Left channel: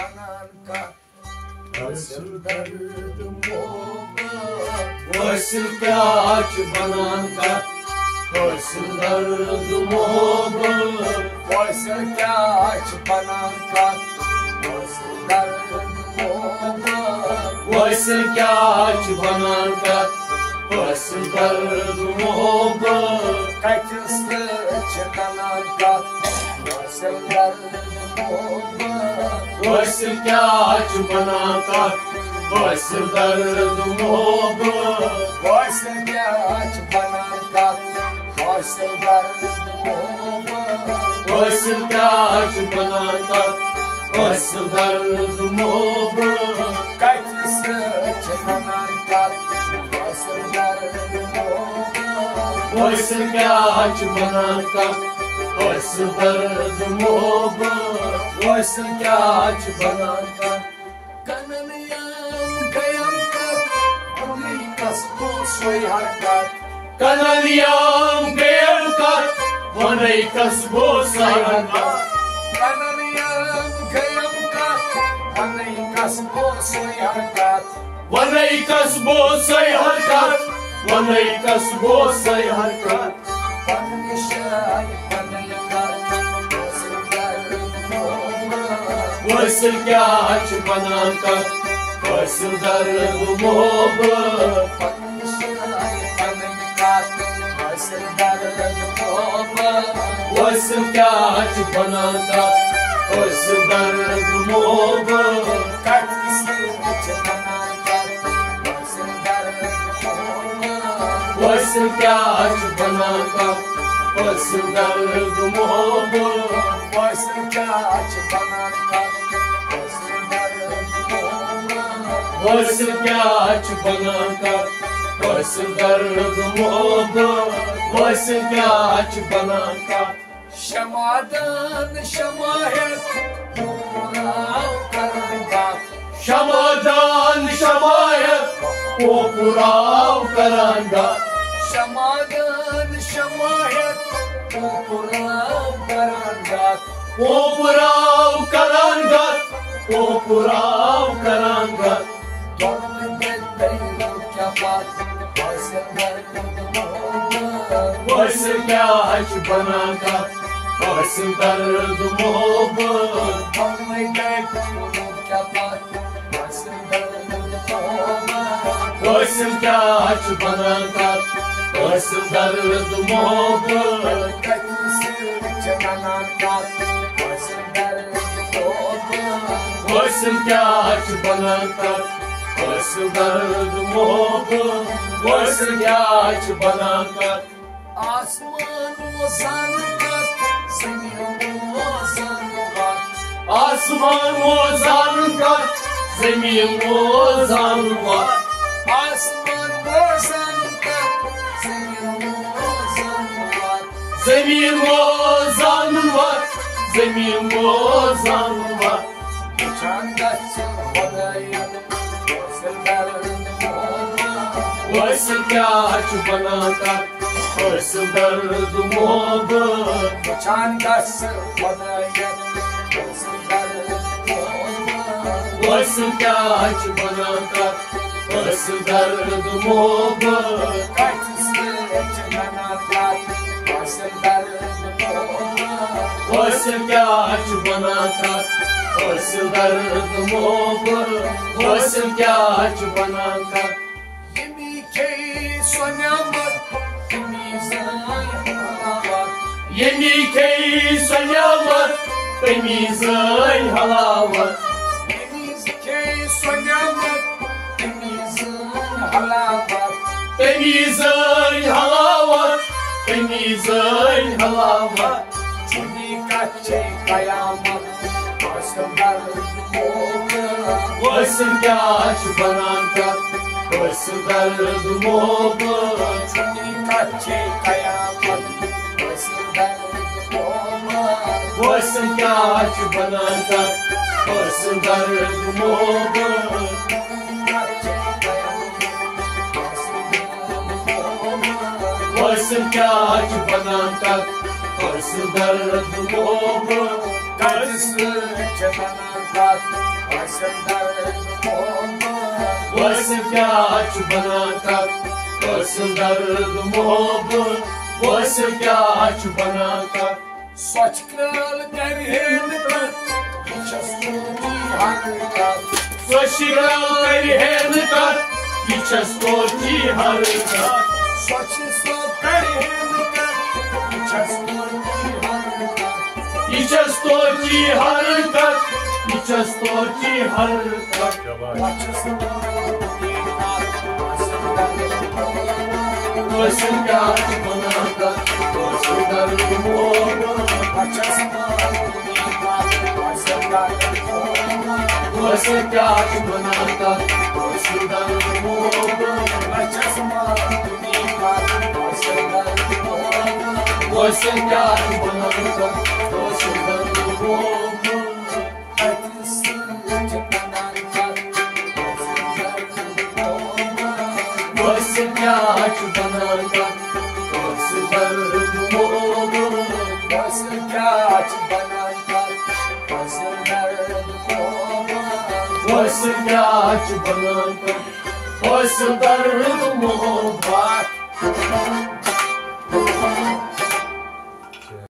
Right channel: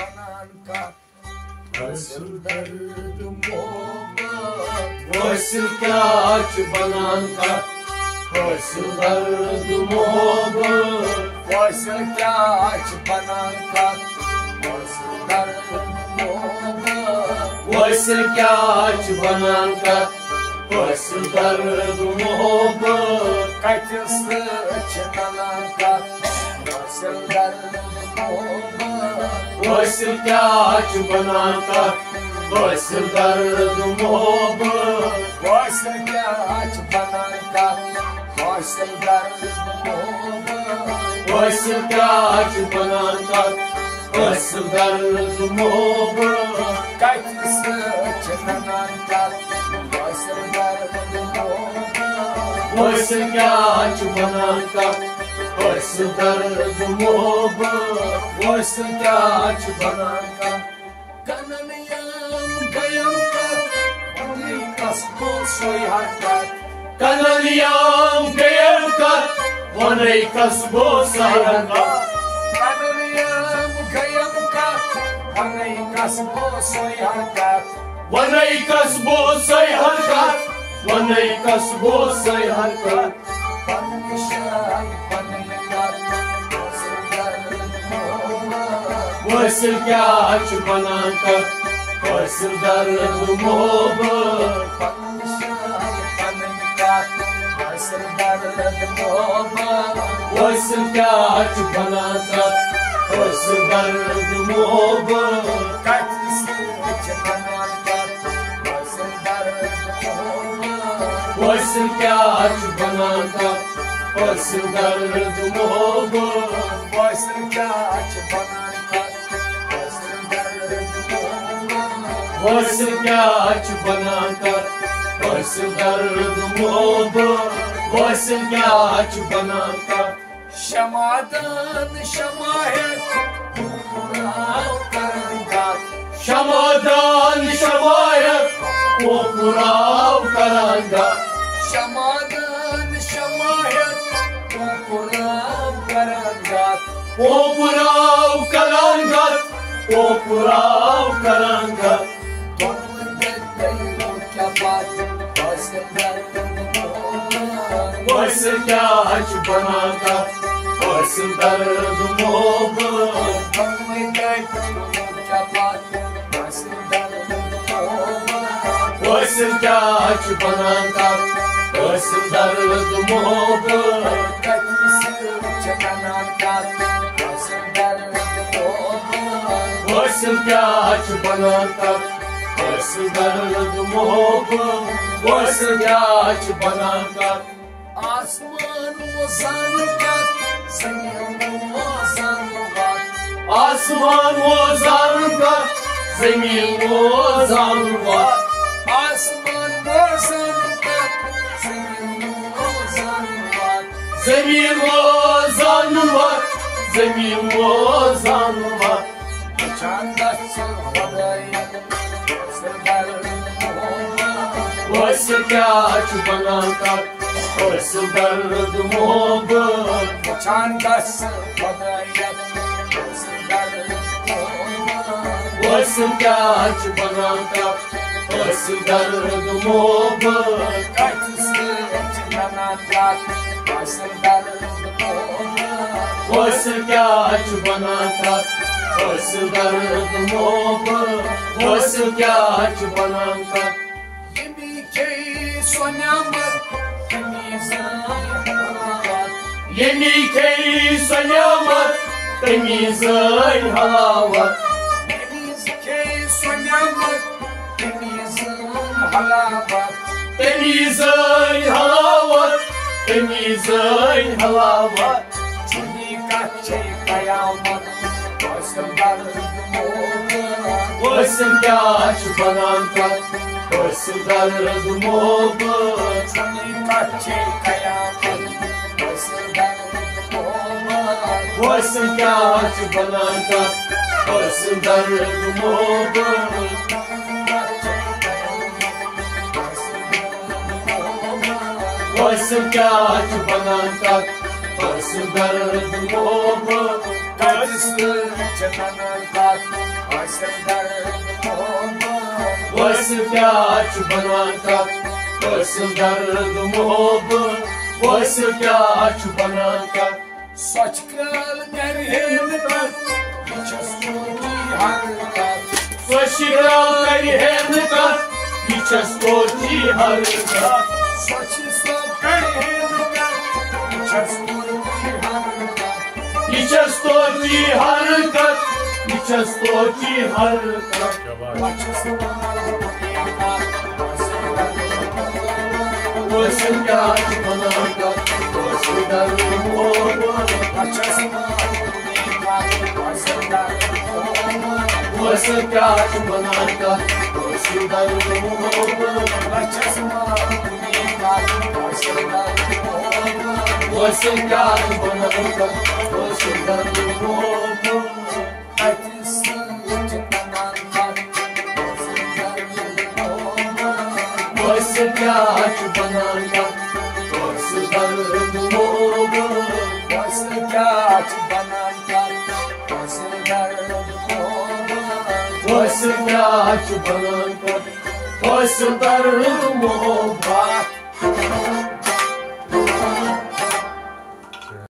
बनन का हासिल दर्द मोहब्बत हासिल क्या बनन का हासिल दर्द मोहब्बत हासिल क्या बनन का हासिल दर्द मोहब्बत हासिल क्या बनन का हासिल दर्द मोहब्बत कतिस बनन का हासिल दर्द मोहब्बत हासिल क्या बनन का हासिल दर्द मोहब्बत हासिल क्या बनन का हासिल दर्द मोहब्बत हासिल क्या बनन का हासिल दर्द मोहब्बत कतिस बनन का हासिल दर्द मोहब्बत हासिल क्या बनन का हासिल दर्द मोहब्बत हासिल क्या बनन का कननियम गयम कर अपनी कसबों से हरकत कननियम गयम कर अपनी कसबों से हरकत कननियम गयम कर अपनी कसबों से हरकत अपनी कसबों से हरकत अपनी कसबों से हरकत हासिल क्या बनन का हासिल दर्द मोहब्बत हासिल दर्द मोहब्बत हासिल क्या बनन का हासिल दर्द मोहब्बत कतिस बनन का हासिल दर्द मोहब्बत हासिल क्या बनन का हासिल दर्द मोहब्बत हासिल क्या बनन का हासिल क्या बनन का हासिल दर्द मोहब्बत हासिल क्या बनन का शमादान शमायत पुराव करंगा शमादान शमायत वो पुराव करंगा शमादान शमायत वो पुराव करंगा वो पुराव करंगा वो पुराव करंगा हासिल क्या बनन का हासिल दर्द मोहब्बत हासिल क्या बनन का हासिल दर्द मोहब्बत हासिल क्या बनन का हासिल दर्द मोहब्बत हासिल क्या बनन का आसमान वो जानकर ज़मीन वो जानकर आसमान वो जानकर ज़मीन वो जानकर आसमान वो जानकर ज़मीन वो जानकर ज़मीन वो जानकर ज़मीन वो जानकर चांदा से खुदाया हासिल क्या बनन का हासिल दर्द मोहब्बत चांदा से खुदाया हासिल क्या बनन का हासिल दर्द मोहब्बत कतिस बनन का हासिल दर्द मोहब्बत हासिल क्या बनन का हासिल दर्द मोहब्बत हासिल क्या बनन का यमी के सोन्यामत यमी के सोन्यामत तमीज़ान हलावत यमी के सोन्यामत तमीज़ान हलावत तमीज़ान हलावत तमीज़ान हलावत चुनी कच्चे कयामत हासिल दर्द मोहब्बत हासिल क्या बनन का हासिल दर्द मोहब्बत चुनी कच्चे कयामत हासिल दर्द मोहब्बत हासिल क्या बनन का हासिल दर्द मोहब्बत हासिल क्या बनन का हासिल दर्द मोहब्बत कतिस बनन का वैसे क्या बनाता वैसे दर्द मोहब्बत वैसे क्या बनाता सच क्रल कर हेनकत Soşiral karihenkat, içes korki harkat. Soşiral karihenkat, içes korki harkat. İçes korki harkat, içes korki harkat. Koşun yaş banakat, koşun darım oğlan. Você quer banana, você dá no mundo. Você quer banana, você dá no mundo. Você quer banana, você dá no mundo. Você quer banana, você dá no mundo. Você quer banana, você dá no mundo.